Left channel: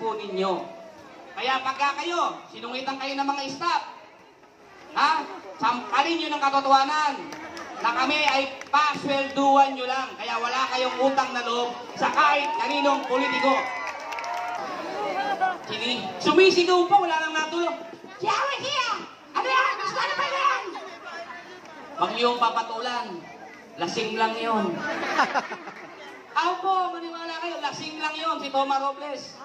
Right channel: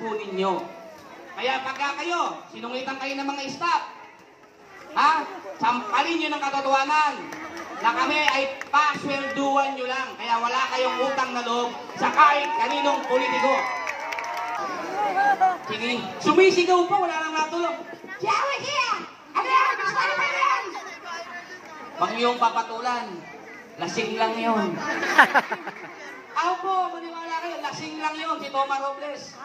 po ninyo. Kaya pagka kayo, sinungitan kayo ng mga staff, ha? Sampalin nyo ng katotohanan na kami ay paswelduan nyo lang. Kaya wala kayong utang na loob sa kahit kaninong politiko. Sige, sumisigaw pa, wala nang natulog. Siyawi siya! Ano yan? Gusto na pa yan? Huwag niyong papatulan. Lasing lang yun. Ako po, maniwala kayo, lasing lang yun si Toma Robles.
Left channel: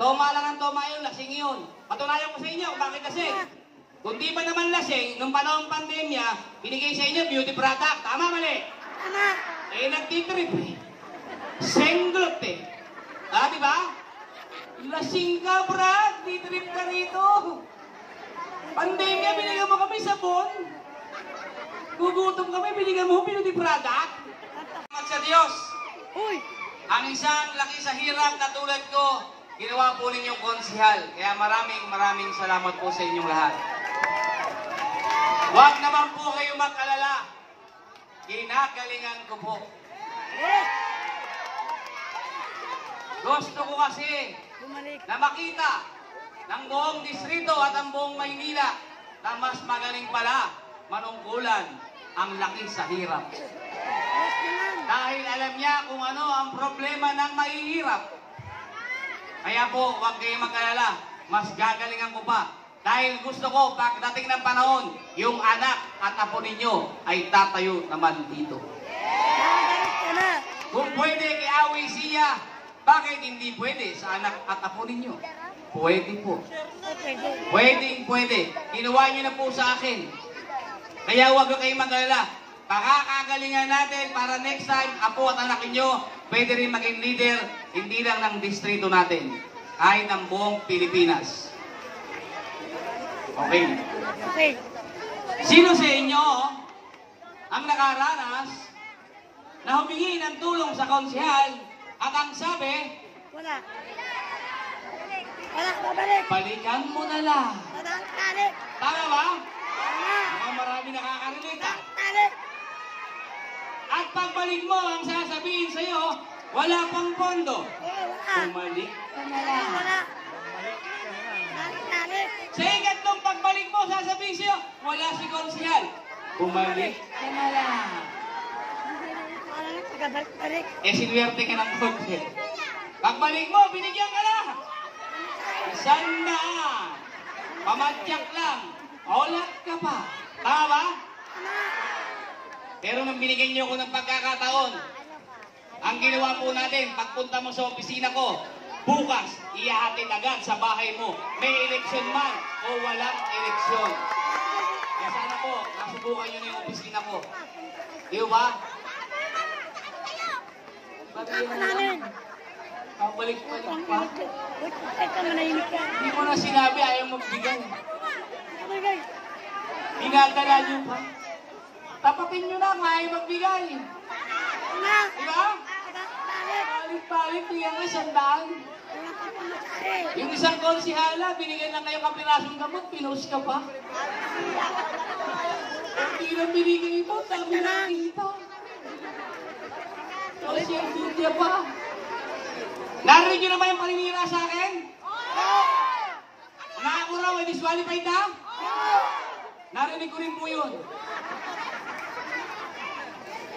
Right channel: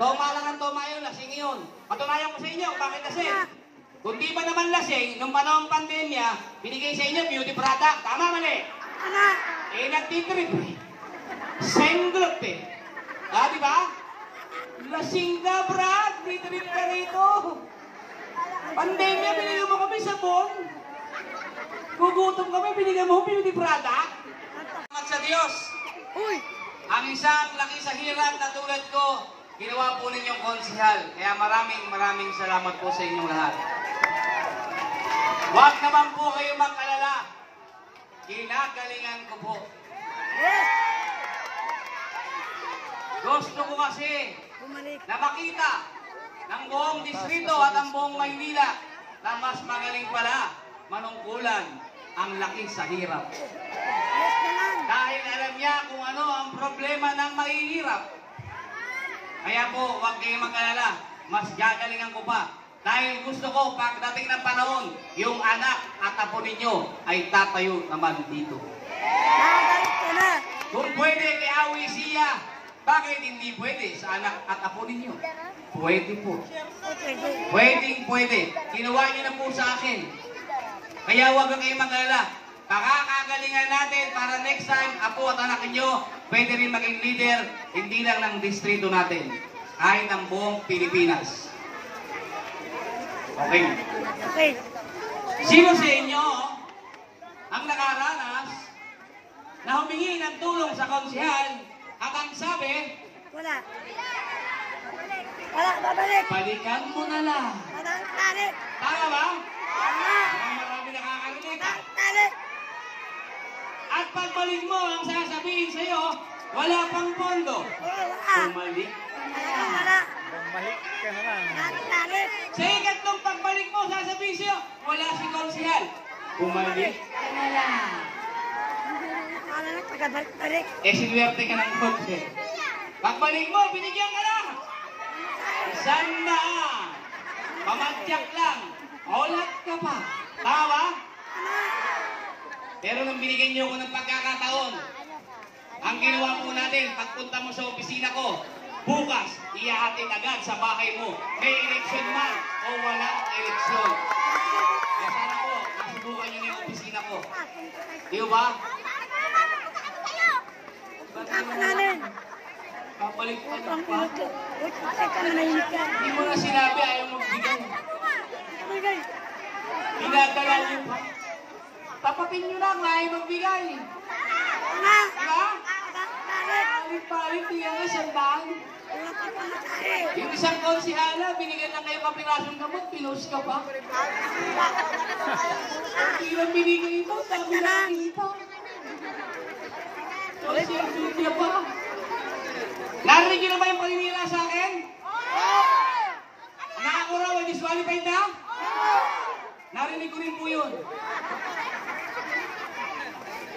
Toma lang ang toma yun, lasing yun. Patunayan ko sa inyo, bakit kasi? Kung di pa naman lasing, nung panahon pandemya, binigay sa inyo beauty product. Tama, mali? Eh, nagtitrip eh. Senglot eh. Ah, di ba? Lasing ka, Brad. Titrip ka rito. Pandemya, binigyan mo kami sabon. Gugutom kami, binigyan mo beauty product. Salamat sa Diyos. Ang isang laki sa hirap na tulad ko, ginawa po ninyong konsihal. Kaya maraming salamat po sa inyong lahat. Huwag naman po kayo mag-alala. Ginagalingan ko po. Gusto ko kasi na makita ng buong distrito at ang buong Maynila na mas magaling pala manungkulan ang laki sa hirap. Dahil alam niya kung ano ang problema ng mahihirap. Kaya po, huwag kayong mag-alala. Mas gagalingan ko pa. Dahil gusto ko, pagdating ng panahon, yung anak at apo ninyo ay tatayo naman dito. Kung pwede kay Awi siya, bakit hindi pwede sa anak at apo ninyo? Pwede po. Pwede. Kinuha nyo na po sa akin. Kaya huwag kayong mag-alala. Pakakagalingan natin para next time, apo at anak ninyo, pwede rin maging leader, hindi lang ng distrito natin, kahit ng buong Pilipinas. Okay. Sino sa inyo ang nakaranas na humingi ng tulong sa konsehal at ang sabi, Wala, babalik. balikan mo na lang. Balik. Tama ba? Mga marami nakakarinig. Balik. At pagbalik mo, ang sasabihin sa'yo, wala pang pondo. Bumalik ka na lang. Balik. Sa ikatlong pagbalik mo, sasabihin sa'yo, wala si konsehal. Bumalik ka na lang. Balik. Eh, sinuwerte ka ng konti. Pagbalik mo, binigyan ka lang. Sanda. Pamadyak lang. Olat ka pa. Tama ba? Pero nung binigyan niyo ko ng pagkakataon, ang ginawa po natin, pagpunta mo sa opisina ko, bukas, ihahatid agad sa bahay mo. May eleksyon man o walang eleksyon. Kaya sana po, nasubukan niyo na yung opisina ko. Di ba? Kapalik ko na pa. Hindi mo na sinabi, ayaw mo bigyan. Dinadala niyo pa. Tapatin nyo na, ayaw magbigay. Diba? Palit-palit, tingnan nga, sandaan. Yung isang konsihala, binigyan lang kayo kapirasong gamot, pinost ka pa. Hindi lang binigay mo, dami na kita. Konsihala pa. Narinig nyo naman yung paninira sa akin? Nakako raw, disqualified na? Narinig ko rin po yun.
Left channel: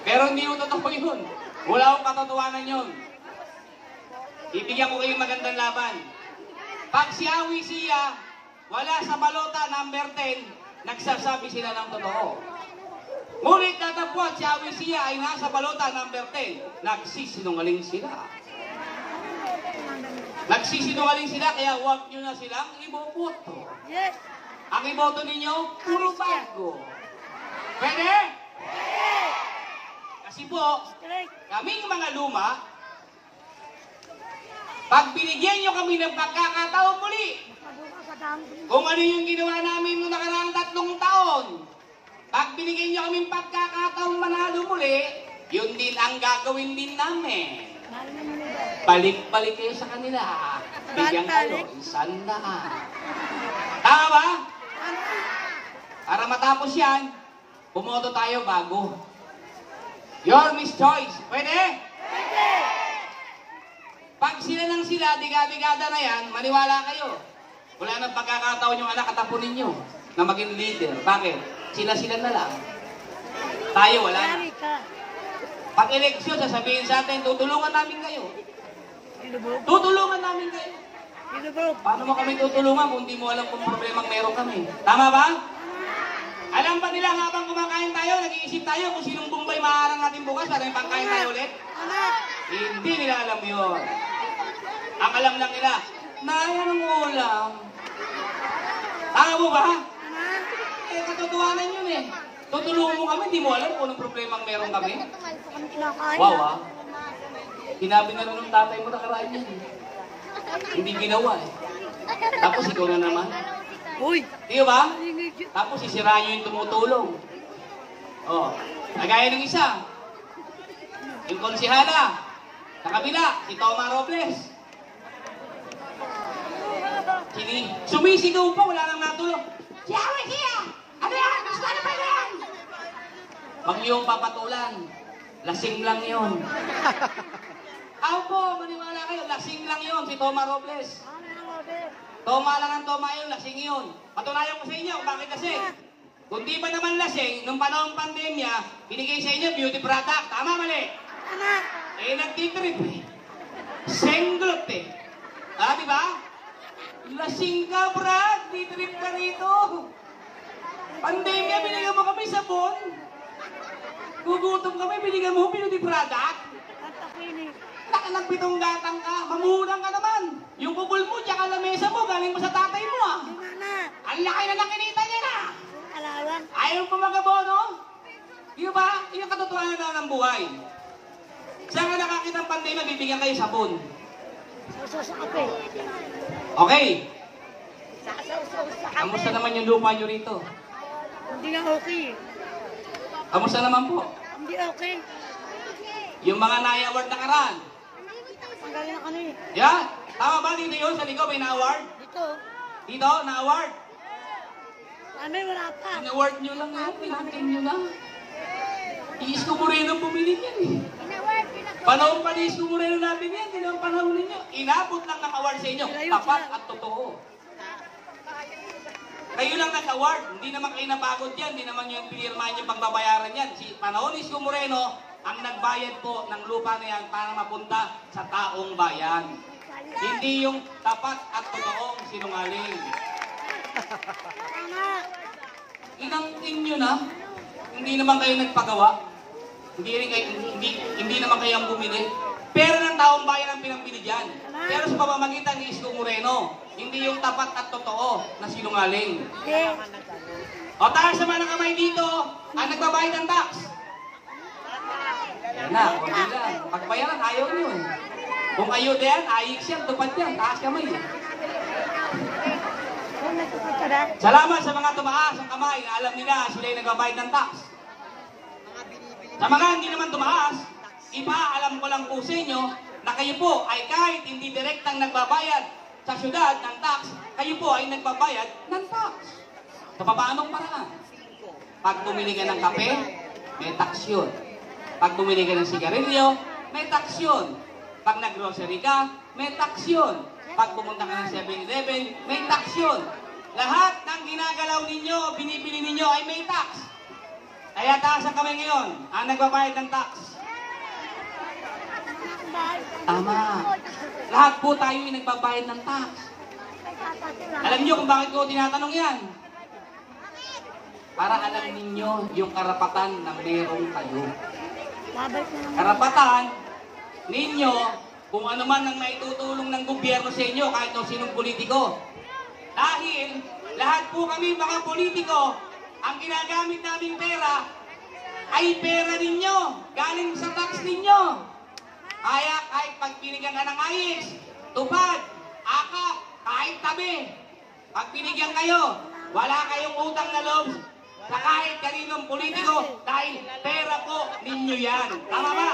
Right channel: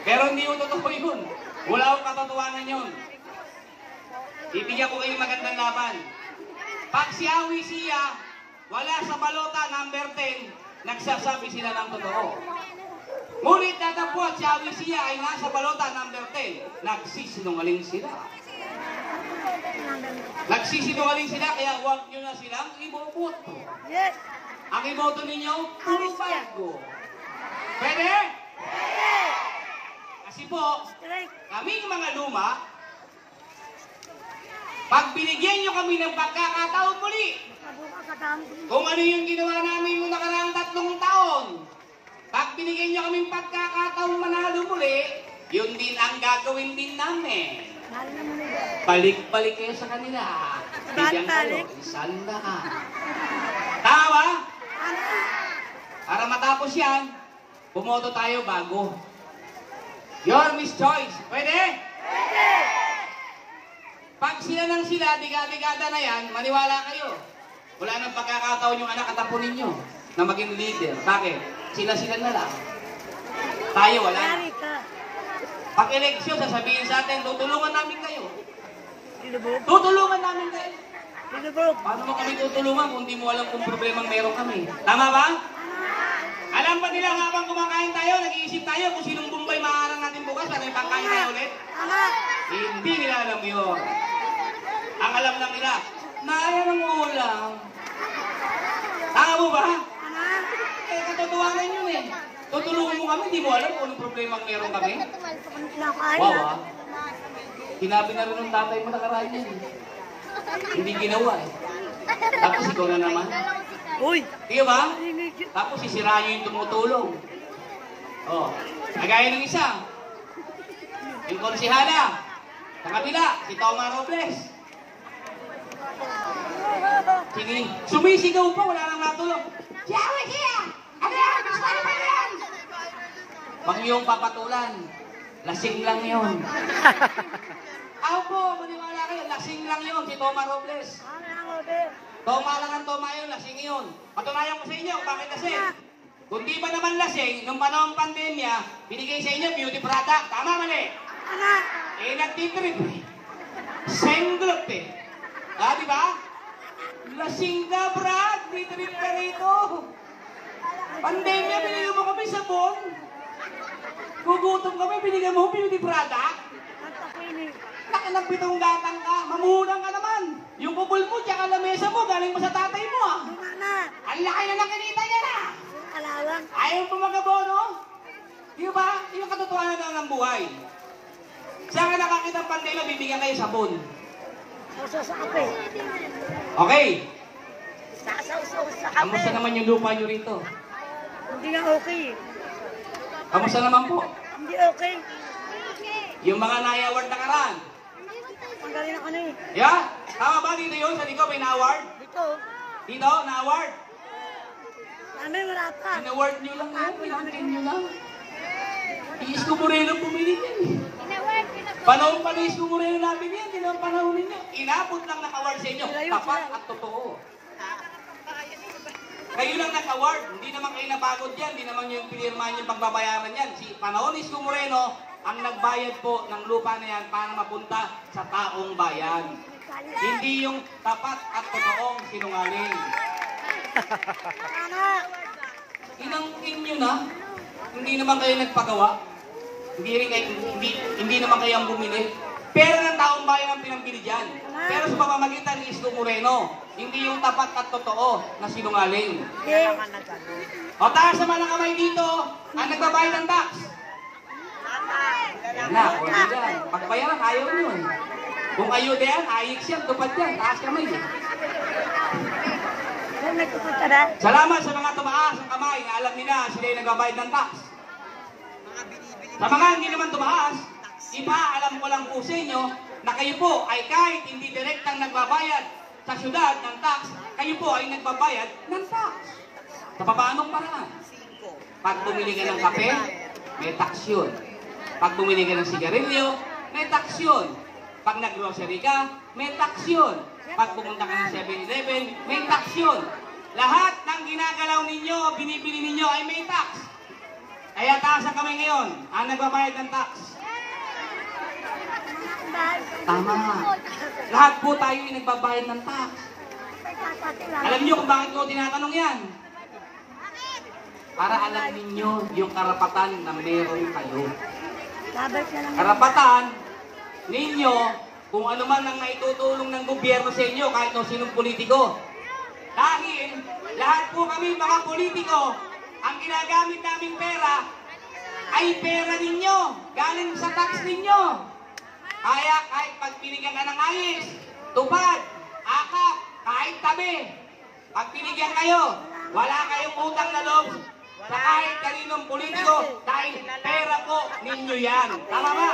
Pero hindi yung totoo yun. Wala akong katotohanan yun. Ibigyan ko kayong magandang laban. Pag si Awi siya, wala sa balota number 10, nagsasabi sila ng totoo. Ngunit tatapos si Awi siya ay nasa balota number 10, nagsisinungaling sila. Nagsisinungaling sila, kaya huwag nyo na silang iboboto. Ang iboto ninyo, puro bago. Pwede? Kasi po, kaming mga luma, pag binigyan nyo kami ng pagkakataon muli, kung ano yung ginawa namin noong nakaraang 3 taon, pag binigyan nyo kaming pagkakataon manalo muli, yun din ang gagawin din namin. Balik-balik kayo sa kanila. Bigyan kayo, 100. Tama ba? Para matapos yan, bumoto tayo bago. Your Miss Choice. Pwede? Pwede! Pag sila ng sila, digada na yan, maniwala kayo. Wala nang pagkakataon yung anak at apo ninyo na maging leader. Bakit? Sila-sila na lang. Tayo wala. Pag eleksyon, sasabihin sa atin, tutulungan namin kayo. Tutulungan namin kayo. Paano mo kami tutulungan kung hindi mo alam kung problemang meron kami? Tama ba? Alam ba nila habang kumakain tayo, nag-iisip tayo kung sinong Bombay maharang natin bukas, para yung pangkain tayo ulit? Hindi nila alam yun. Ang alam lang nila, naya ng ulam. Tama mo ba? Eh, katotohanan yun eh. Tutulungan mo kami, hindi mo alam kung anong problemang meron kami. Wow ah. Sinabi na rin ng tatay mo nakaraan yan. Hindi ginawa eh. Tapos ikaw na naman. Uy! Di ba? Tapos sisirahan nyo yung tumutulong. Oh, nagaya ng isa. Yung konsihala. Sa kabila, si Toma Robles. Sige, sumisigaw pa, wala nang natulog. Yawe siya! Ano yan? Gusto ano pa yan? Wag niyong papatulan. Lasing lang yun. Ako po, maniwala kayo, lasing lang yun, si Toma Robles. Toma lang ang toma yun, lasing yun. Patunayan ko sa inyo, bakit kasi? Kung di pa naman lasing, nung panahon pandemya, binigay sa inyo beauty product. Tama, mali? Eh, nagtitrip eh. Senglot eh. Ah, di ba? Lasing ka, Brad. Bitrip ka rito. Pandemya, binigyan mo kami sabon. Gugutom kami, binigyan mo beauty product. Laki ng pitong gatang ka. Mamurang ka naman. Yung kubol mo, tsaka lamesa mo, galing mo sa tatay mo ah. Ang laki na nakinita niya na. Ayaw pa magabono. Di ba? Yung katotohanan na ng buhay. Saan ka nakakita ng pandemya, bibigyan kayo sabon. Okay. Kamusta naman yung lupa nyo rito? Hindi nga okay. Kamusta naman po? Hindi okay. Yung mga na-award na karan. Ang galing ng ano eh. Yeah? Tama ba dito yun? Sa ligaw may na-award? Dito. Dito? Na-award? Kami wala pa. In-award nyo lang yan. Pinahantin nyo lang. Iis ko Moreno bumili yan eh. Panahon pa ni Iis ko Moreno namin yan. Hindi naman panahon ninyo. Inabot lang ng award sa inyo. Tapat at totoo. Kayo lang nag-award. Hindi naman kayo napagod yan. Hindi naman yung pinirmahan yung pagbabayaran yan. Si panahon ni Iis ko Moreno, ang nagbayad po ng lupa na yan para mapunta sa taong bayan. Hindi yung tapat at totoong sinungaling. Inangkin nyo na. Hindi naman kayo nagpagawa. Hindi naman kayo ang bumili. Pera ng taong bayan ang pinambili dyan. Pero sa pamamagitan ni Isko Moreno, hindi yung tapat at totoo na sinungaling. O taas naman ang kamay dito, ang nagbabayad ng tax. Yan na, o yan. Pagbayaran, ayaw nyo eh. Kung ayaw diyan, ayik siya, tupad yan, taas kamay eh. Salamat sa mga tumaas ang kamay na alam nila sila yung nagbabayad ng tax. Sa mga hindi naman tumaas, ipaalam ko lang po sa inyo na kayo po ay kahit hindi direktang nagbabayad sa syudad ng tax, kayo po ay nagbabayad ng tax. Sa paanong paraan? Pag bumili ka ng kape, may tax yun. Pag bumili ka ng sigarilyo, may tax yun. Pag nag-grocery ka, may tax yun. Pag pumunta ka ng 7-Eleven, may tax yun. Lahat ng ginagalaw ninyo, binibili ninyo ay may tax. Kaya taas ang kamay ngayon, ang nagbabayad ng tax. Tama. Lahat po tayo ay nagbabayad ng tax. Alam niyo kung bakit ko tinatanong yan? Para alam ninyo yung karapatan na meron kayo. Karapatan ninyo kung ano man ang maitutulong ng gobyerno sa inyo kahit o sinong politiko. Dahil lahat po kami mga politiko, ang ginagamit naming pera ay pera ninyo, galing sa tax ninyo. Kaya kahit pag binigyan ka ng ayos, tupad, akap, kahit tabi, pag binigyan kayo, wala kayong utang na loob sa kahit kaninong politiko dahil pera po ninyo yan. Tama ba?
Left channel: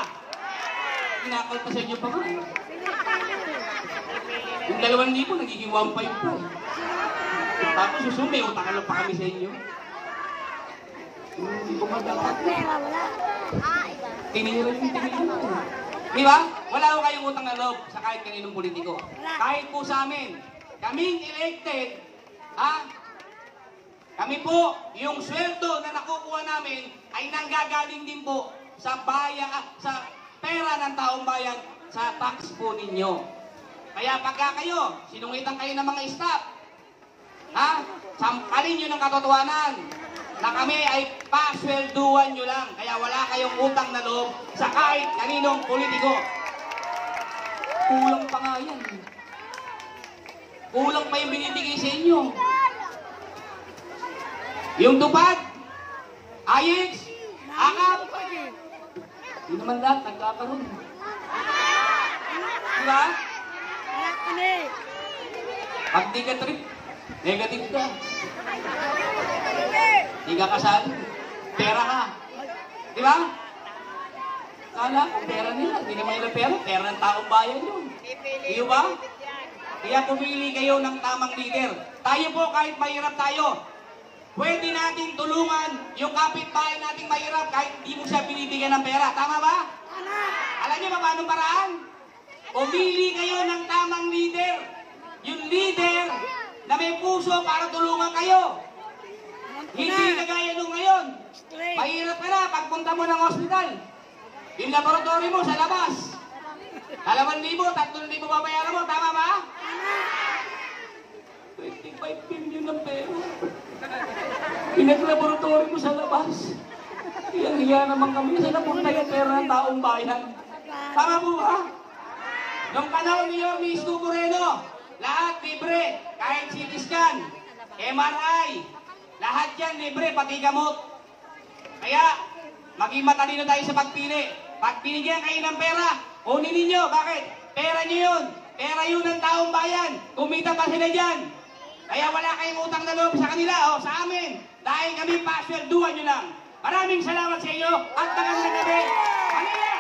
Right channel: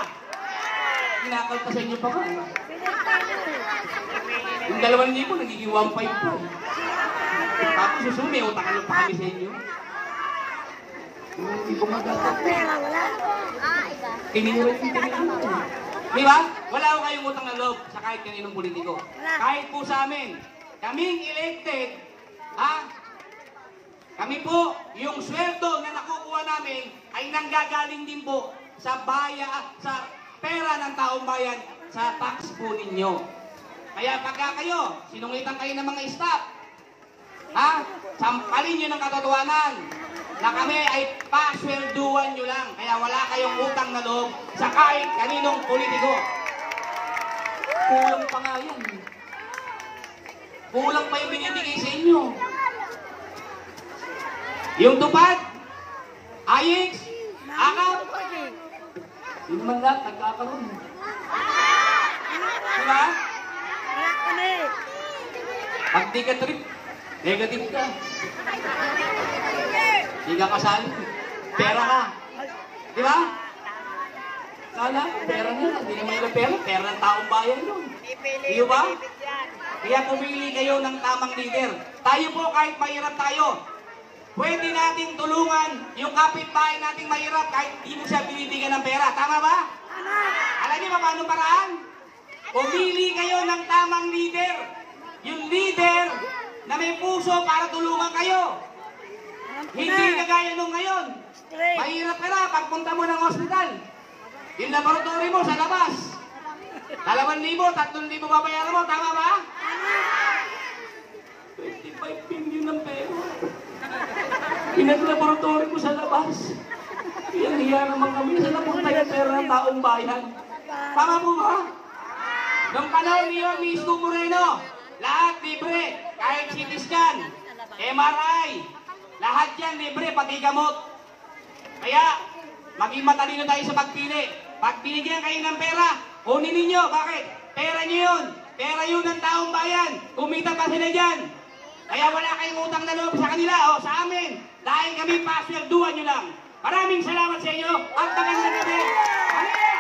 Inakal pa sa inyo pa ba? Yung 2,000 nagiging 1,500 po. Tapos susumi, utang pa kami sa inyo. Hindi ko magagawa. Tinira yung tinira. Di ba? Wala ko kayong utang na loob sa kahit kaninong politiko. Kahit po sa amin, kaming elected, kami po, yung sweldo na nakukuha namin ay nanggagaling din po sa sa pera ng taong bayan, sa tax po ninyo. Kaya pagka kayo, sinungitan kayo ng mga staff, sampalin nyo ng katotohanan na kami ay paswelduan nyo lang. Kaya wala kayong utang na loob sa kahit kaninong politiko. Kulang pa nga yan. Kulang pa yung binibigay sa inyo. Yung tupad, ayix, akap, hindi naman lahat nagkakaroon. Diba? Wala kami. Pag di ka trip, negative ka. Di ka kasali. Pera ka. Diba? Kala ko, pera nila. Hindi naman nila pera. Pera ng taong bayan yun. Di ba? Kaya pumili kayo ng tamang leader. Tayo po, kahit mahirap tayo, pwede nating tulungan yung kapitbahay nating mahirap kahit hindi mo siya binibigyan ng pera. Tama ba? Alam niyo ba paano paraan? Pumili kayo ng tamang leader. Yung leader na may puso para tulungan kayo. Hindi kagaya nung ngayon. Mahirap ka na pagpunta mo ng ospital. Yung laboratory mo sa labas. 2,000, 3,000 babayaran mo. Tama ba? 25 billion ng pera. Pinag-laboratory ko sa labas. Iyang-iya naman kami sa napunta yung pera ng taong bayan. Tama po ba? Nung panahon niyo, Miss Moreno, lahat libre. Kahit CT scan, MRI, lahat yan libre, pati gamot. Kaya, maging matalino tayo sa pagpili. Pag binigyan kayo ng pera, kunin ninyo. Bakit? Pera nyo yun. Pera yun ng taong bayan. Kumita pa sila dyan. Kaya wala kayong utang na loob sa kanila o sa amin. Dahil kami paswelduhan nyo lang. Maraming salamat sa inyo at magandang gabi. Halika!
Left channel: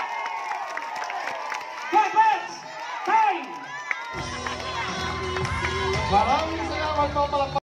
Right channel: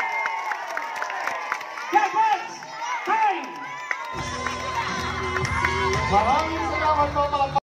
Get first! Time! Maraming salamat po pala.